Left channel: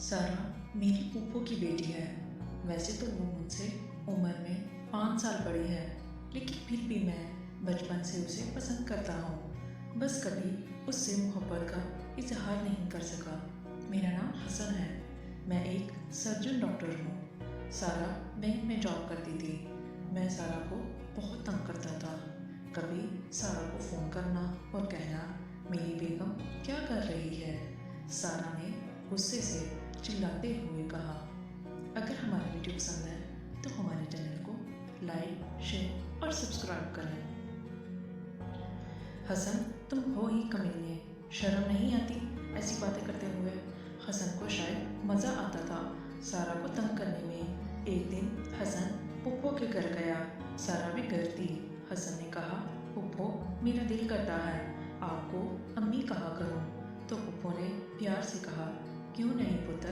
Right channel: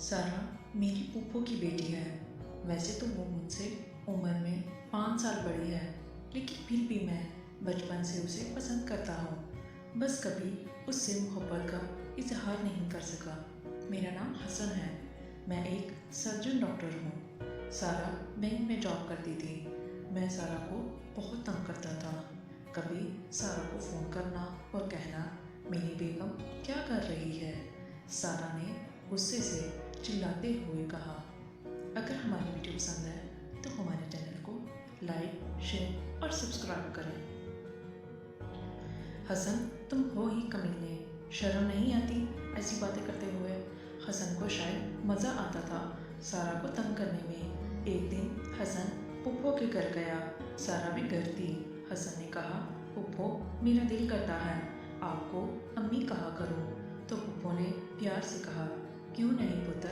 सारा मेरी फूफो की बेटी है। वैसे तो वो मुझसे उम्र में 5 साल बड़ी है, लेकिन फिर भी मैं बचपन से उसे पसंद करता हूँ। बस कभी उससे मोहब्बत का इजहार नहीं कर सका। मेरा नाम हसन है। मैं एक सर्जन डॉक्टर हूँ। सारा बैंक में जॉब करती थी। मैं सारा को बहुत तंग करता था। कभी सारा को फ़ोन करना और कहना, मेरी बेगम क्या कर रही है। सारा ने गुस्से से चिल्लाते हुए कहा, अगर हमारी वीडियो पसंद है तो हमारे चैनल को लाइक, शेयर और सब्सक्राइब करें। हसन, तुम हो ही कमीने, शर्म नहीं आती ऐसी बातें करते हुए। हसन को शायद मज़ा आता था सारा को तंग करने में। एक दिन हसन पुप्पो के घर गया। सारा भी घर थी। हसन ने कहा, पुप्पो, मेरा दिल करता है आपको अम्मी कहा करूं। तो पुप्पो ने प्यार से कहा, क्यों नहीं पुत्र,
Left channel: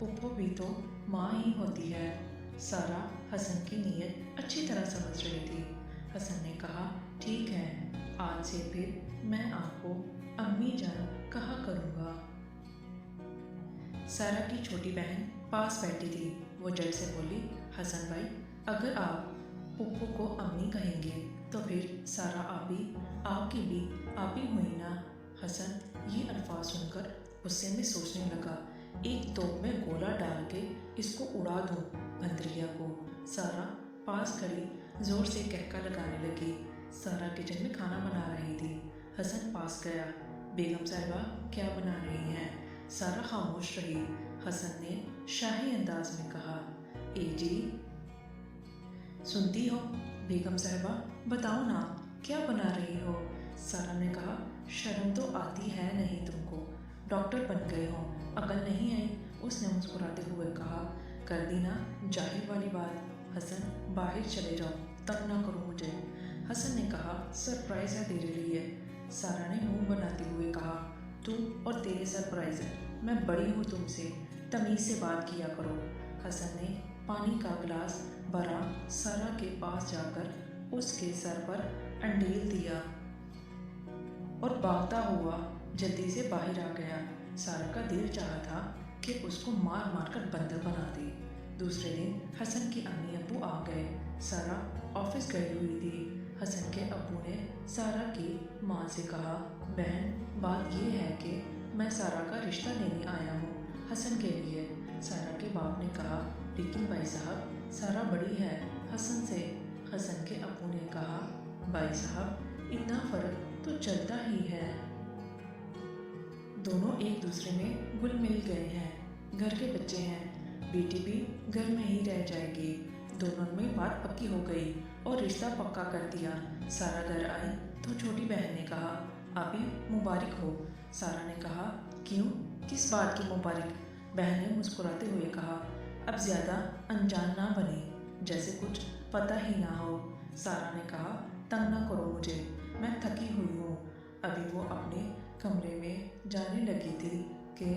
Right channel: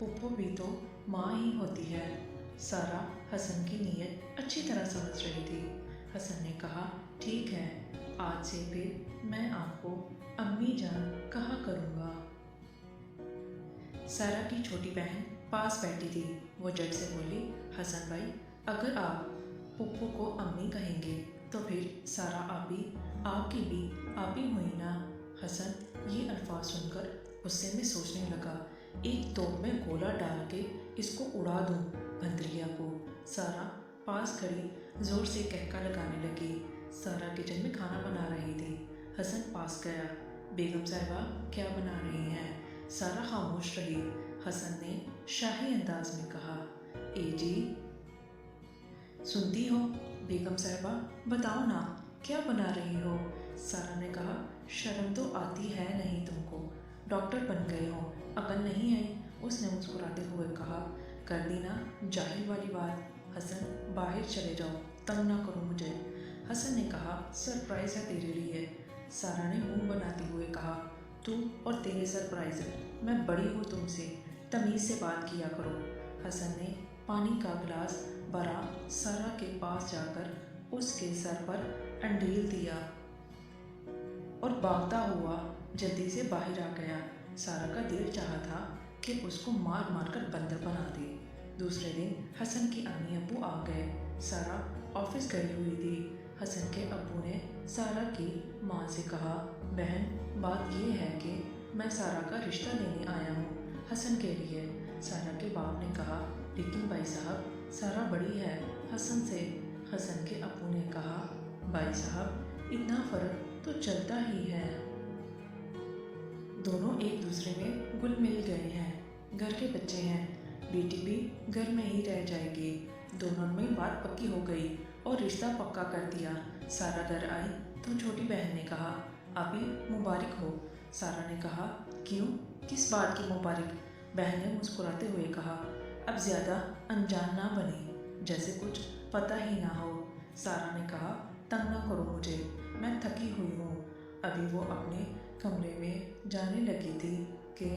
पुप्पो भी तो माँ ही होती है। सारा हसन की नीयत अच्छी तरह समझ रही थी। हसन ने कहा, ठीक है, आज से फिर मैं आपको अम्मी जान कहा करूँगा। सारा की छोटी बहन पास बैठी थी। वो झट से बोली, हसन भाई, अगर आप पुप्पो को अम्मी कहेंगे तो फिर सारा आपकी भी आप ही हुई ना। हसन ये अल्फाज सुनकर गुस्से में सोचने लगा, एक तोप में गोला डाल के इसको उड़ा दूं भंतरिया को। सारा पास खड़ी जोर से कहका लगाने लगी। सारा किचन में खाना बना रही थी। हसन पास गया, बेगम साहिबा क्या बना रही हैं। सारा खामोश रही। हसन ने शाही अंदाज में कहा, ए जी, सुनती हो बेगम साहिबा, बताओ ना क्या बना रही हो। सारा ने कहा, शर्म तो आती है नहीं तुमको, डॉक्टर बन गए हो, अकल नहीं आई। उसने मुस्कुराते हुए कहा, कर दी ना जाहिल वाली बात। हसन, बाहर चले जाओ, तंग ना करो मुझे। हसन ने कहा, सरप्राइज़ है तेरे लिए। सारा ने मुंह बनाते हुए कहा, तू और तेरे सरप्राइज़, मैं बड़ी हूँ तुमसे, तमीज़ से बात किया करो। हसन ने पानी का गिलास भरा, सारा के पास जाकर उसके सर पर अंडील दिया और भागता हुआ जल्दी से बाहर आ गया। सारा का दिल चाहा था कि उसको मार मार कर बंदर बना दे। दूसरे दिन हसन के अम्मी अब्बू आ गए। सारा ऑफिस गई हुई थी। हसन के अब्बू ने सारा की माँ से कहा, बहन, बात ये है कि मैं सारा का रिश्ता लेने आया हूँ हसन के लिए। सारा के बाप ने कहा, लेकिन भाई साहब, सारा बड़ी है हसन से। हसन के अब्बू ने कहा, भाई साहब, इतना फ़र्क तो चलता ही है। दोनों एक दूसरे में घुल मिल गए हैं। घर के बच्चे हैं, बेटी भी घर में ही रह जाएगी। दोनों में बात पक्की हो गई और रिश्ता पक्का कर दिया। सारा घर आई तो छोटी बहन ने कहा, अभी मुबारक हो। सारा ने कहा, क्यों, किस बात की मुबारक। बहन ने मुस्कुराते हुए कहा, अब ज़्यादा अनजान ना बने, जैसे कुछ पता ही ना हो। सारा ने कहा, तंग ना करो मुझे, मैं थकी हुई हूँ। अभी वो अपने कमरे में जाने लगी थी कि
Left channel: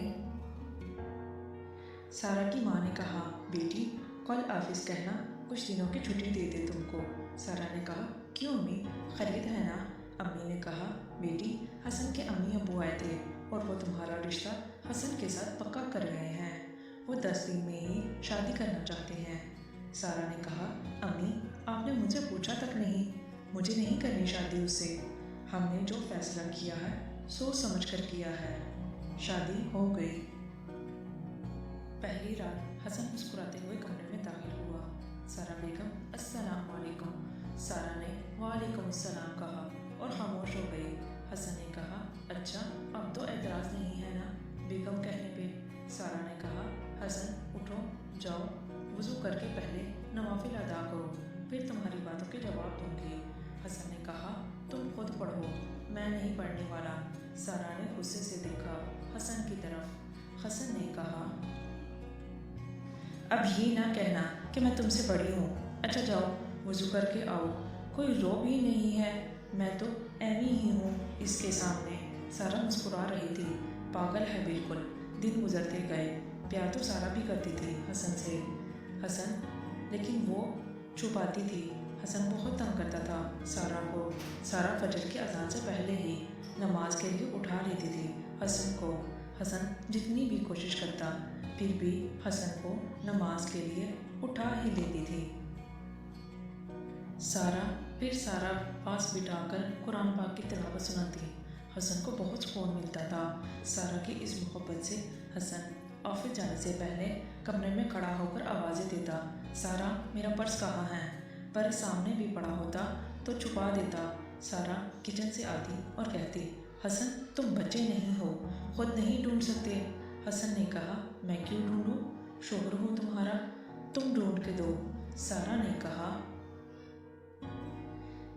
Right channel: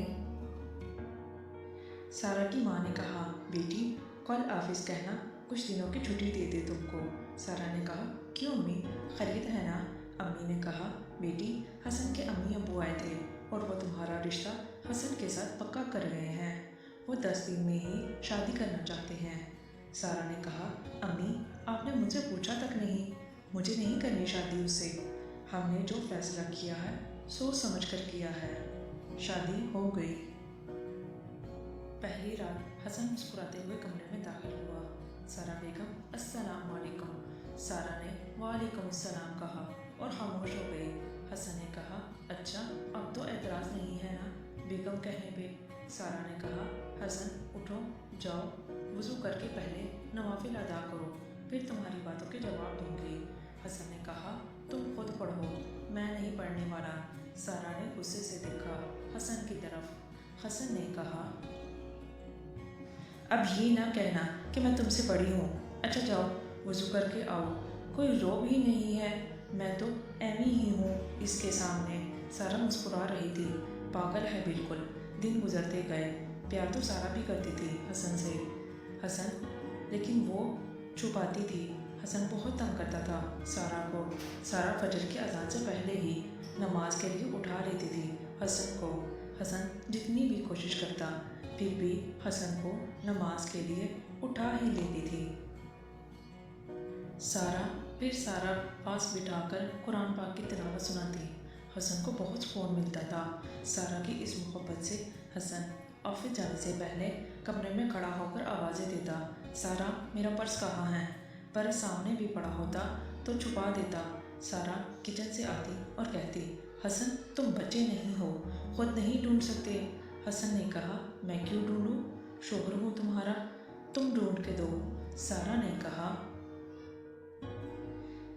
सारा की माँ ने कहा, बेटी, कल ऑफिस कहना कुछ दिनों की छुट्टी दे दे तुमको। सारा ने कहा, क्यों अम्मी, खरीद है ना। अम्मी ने कहा, बेटी, हसन के अम्मी अब्बू आए थे और वो तुम्हारा रिश्ता हसन के साथ पक्का कर गए हैं। वो 10 दिन में ही शादी करना चाहते हैं। सारा ने कहा, अम्मी, आपने मुझसे पूछा तक नहीं, मुझे नहीं करनी शादी उससे। हमने जो फैसला किया है सोच समझ कर किया है। शादी हो गई। पहली रात हसन मुस्कुराते हुए कमरे में दाखिल हुआ। सारा बेगम, अस्सलाम वालेकुम। सारा ने वालेकुम अस्सलाम कहा और खामोश हो गई। हसन ने कहा, अच्छा, अब तो एतराज़ नहीं है ना बेगम कहने पे। सारा ने कहा, हसन, उठो, जाओ, वज़ू करके पहले नवाफिल अदा करो, फिर तुम्हारी बातों के जवाब दूंगी। हसन ने कहा, तुम खुद पढ़ो, मैं नहीं पढ़ने वाला। सारा ने गुस्से से देखा हसन की तरफ। हसन ने कहा, अब ये ना कहना कि मैं तुमसे बड़ी हूँ। अच्छा जाओ, वज़ू करके आओ, कोई रोब ही नहीं है, मैं तो एवी ही हूँ इसके सामने। सारा मुस्कुरा रही थी, पागल है बिल्कुल। दिन गुजरते गए। प्यार तो सारा भी करती थी हसन से। हसन, लेकिन वो छुपाती थी। हसन बहुत तंग करता था सारा को। सारा फजर की अजान से पहले ही नमाज के लिए उठा लेती थी हसन को। हसन जितनी भी कोशिश करता پھر بھی حسن کو نماز کے لیے اٹھا ہی لیتی تھی۔ سارا پاس بٹھا کر قرآن پاک کی تلاوت سناتی۔ حسن کو بہت سکون ملتا تھا۔ سارا کی اس محبت سے حسن آفس جانے سے پہلے کمرے میں کھڑا ہو کر آوازیں دیتا، سارا میرا پرس کہاں ہے؟ پرس سامنے بھی پڑا ہوتا تو چھپا دیتا۔ سارا کچن سے آتی اور کہتی، حسن تم بچے نہیں ہو، خود نہیں ڈھونڈ سکتے؟ حسن نے کہا، میں کیوں ڈھونڈوں؟ شوہر ہوں تمہارا، تم ڈھونڈ کے دو۔ سارا نے کہا،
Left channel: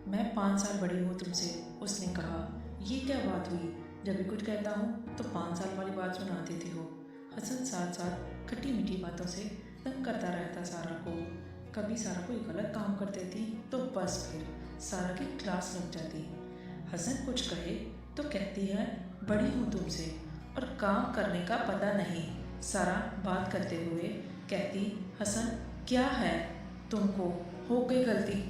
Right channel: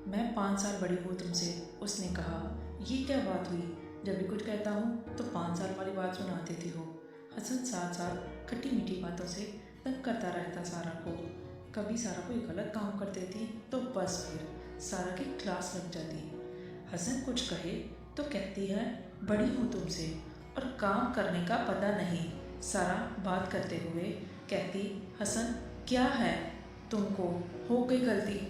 میں 5 سال بڑی ہوں تم سے۔ اس نے کہا، یہ کیا بات ہوئی؟ جب بھی کچھ کہتا ہوں تو 5 سال والی بات سنا دیتی ہو۔ حسن ساتھ ساتھ کھٹی میٹھی باتوں سے تنگ کرتا رہتا سارا کو۔ کبھی سارا کوئی غلط کام کر دیتی تو بس پھر سارا کی کلاس لگ جاتی۔ حسن کچھ کہے تو کہتی ہے، بڑی ہوں تم سے اور کام کرنے کا پتہ نہیں۔ سارا بات کرتے ہوئے کہتی، حسن کیا ہے تم کو، ہو گئی غلطی،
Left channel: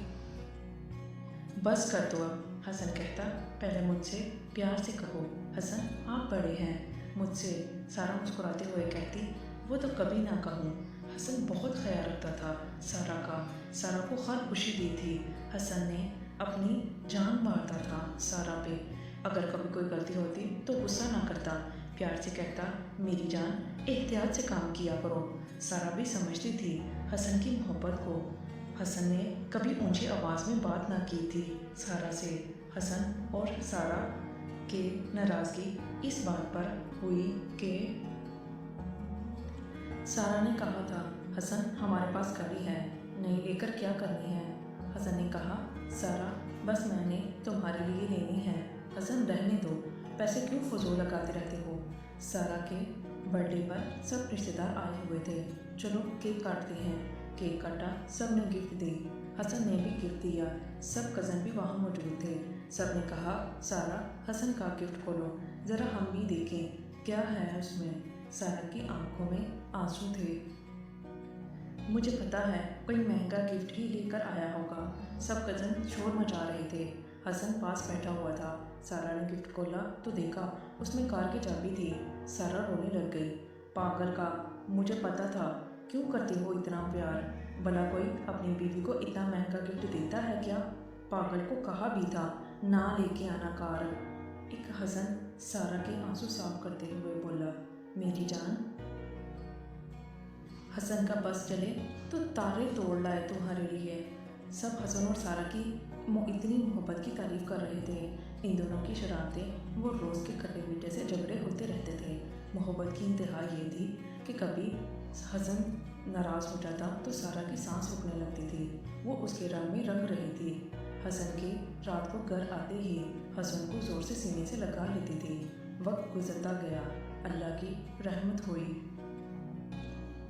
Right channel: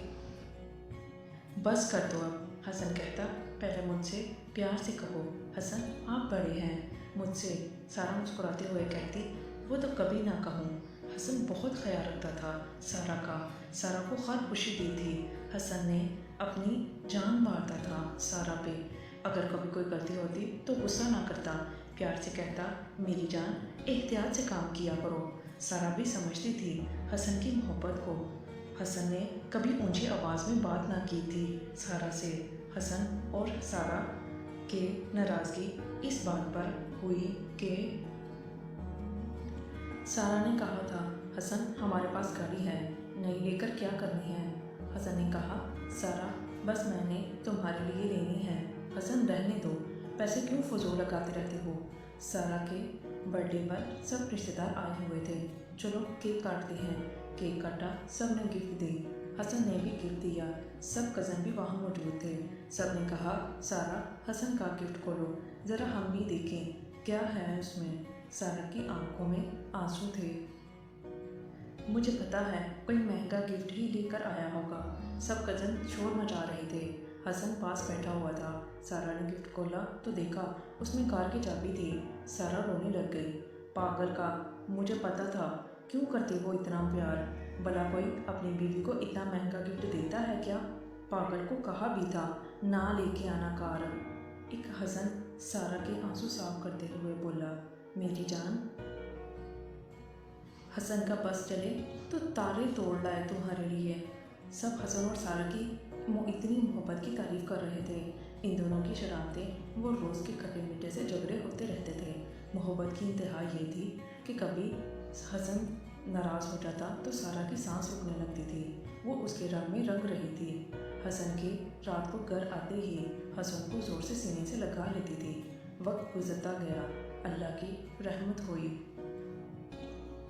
بس کر دو اب۔ حسن کہتا، پہلے مجھ سے پیار سے کہو، حسن آپ بڑے ہیں مجھ سے۔ سارا مسکراتے ہوئے کہتی، وہ تو کبھی نہ کہوں۔ حسن بہت خیال رکھتا تھا سارا کا، سارا کو ہر خوشی دی تھی۔ حسن نے اپنی جان مارتا تھا سارا پہ۔ اگر کبھی کوئی غلطی ہوتی تو غصہ نہ کرتا، پیار سے کہتا، میری جان احتیاط سے کام کیا کرو۔ سارا بھی سمجھتی تھی حسن کی محبت کو۔ حسن نے کبھی اونچی آواز میں بات نہ کی تھی سارا سے۔ حسن اور سارا کے ناراضگی اس بات پر ہوئی کہ سارا نے کہا تھا، حسن ہمارے پاس گاڑی ہے، نئی لے کر کیا کرنی ہے؟ حسن نے کہا، سارا بس میں نے تمہارے لیے لینی ہے۔ حسن رہنے دو، پیسے کیوں فضول لگاتے رہتے ہو؟ سارا کے برتھ ڈے پر سب رشتے دار آئے ہوئے تھے، چلو کیک کاٹتے ہیں۔ کیک کاٹا، سب نے گفٹ دی، حسن نے بھی گفٹ دیا، سب کزن بھی وہاں موجود تھے۔ سب نے کہا، سارا حسن کا گفٹ کھولو، ذرا ہم بھی دیکھیں کیا ہے اس میں۔ سارا کی آنکھوں میں آنسو تھے۔ مجھے پتا ہے کوئی مہنگا گفٹ ہی لے کر آیا ہوگا۔ سب کزن شور مچا رہے تھے۔ حسن پاس بیٹھا ہوا تھا۔ سارا نے گفٹ کھولا تو دیکھا اس میں کار کی چابی تھی۔ سارا رونے لگ گئی، پاگل کا، مجھے پتا تھا، کیوں کرتے ہو اتنا پیار؟ بھلا کوئی اپنی بیوی کو اتنا مہنگا گفٹ دیتا ہے کیا؟ پاگل کو کہا بھی تھا نہ لے کے آنا کار۔ ایک حسن سارا کے آنسو صاف کرتے ہوئے بولا، میری جان۔ حسن کا بس چلے تو تارے توڑ لائے تمہارے لیے۔ سب حسن اور سارا کی اتنی محبت کی تعریف کر رہے تھے۔ ان دونوں کی شرارتیں وہ روز کے کھٹے میٹھے سے جھگڑے ہوتے رہتے تھے۔ محبت کی انتہا یہ تھی کہ کبھی حسن ناراض ہو جاتا تو سارا کی سانس رکنے لگتی تھی، وہ اس کے رنگ میں رنگ رہی تھی۔ حسن کے رات کو گھر آتے ہی حسن کو زور سے سینے سے لگا لیتی تھی۔ وقت گزرتا گیا، اللہ کی رحمت ہوئی۔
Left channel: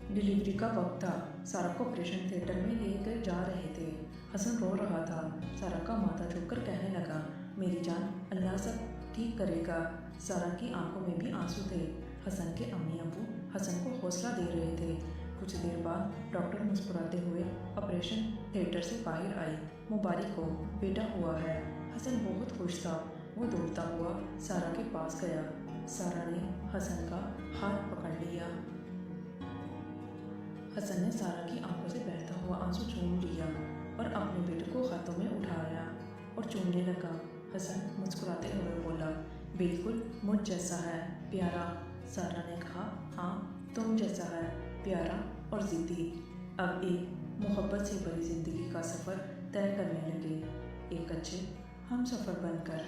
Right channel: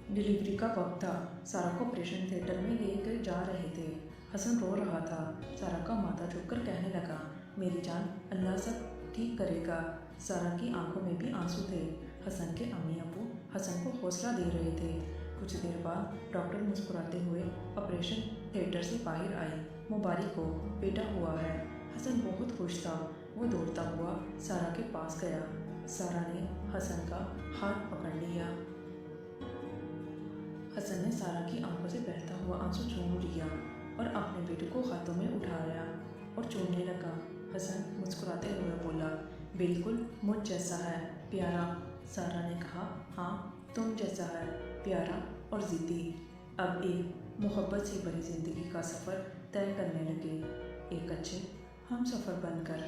ڈیلیوری کا وقت تھا، سارا کو آپریشن تھیٹر میں لے کر جا رہے تھے۔ حسن رو رہا تھا، سارا کا ماتھا جھک کر کہنے لگا، میری جان اللہ سب ٹھیک کرے گا۔ سارا کی آنکھوں میں بھی آنسو تھے۔ حسن کے امی ابو حسن کو حوصلہ دے رہے تھے۔ کچھ دیر بعد ڈاکٹر مسکراتے ہوئے آپریشن تھیٹر سے باہر آئی، مبارک ہو، بیٹا ہوا ہے۔ حسن بہت خوش تھا، وہ دوڑتا ہوا سارا کے پاس گیا۔ سارا نے حسن کا ہاتھ پکڑ لیا۔ حسن نے سارا کی آنکھوں سے بہتا ہوا آنسو چوم لیا اور اپنے بیٹے کو ہاتھوں میں اٹھایا اور چومنے لگا۔ حسن مسکراتے ہوئے بولا، بالکل مجھ جیسا ہے، پیارا۔ سارا نے کہا، ہاں تم جیسا ہے، پیارا اور ضدی۔ اب ایک محبت سے بھری زندگی کا سفر طے کرنے لگے، ایک اچھے ہم سفر بن کر۔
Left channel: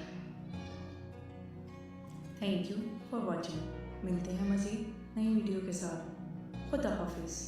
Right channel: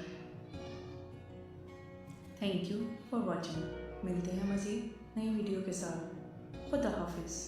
Thank you for watching. ملتے ہیں مزید نئی ویڈیو کے ساتھ۔ خدا حافظ۔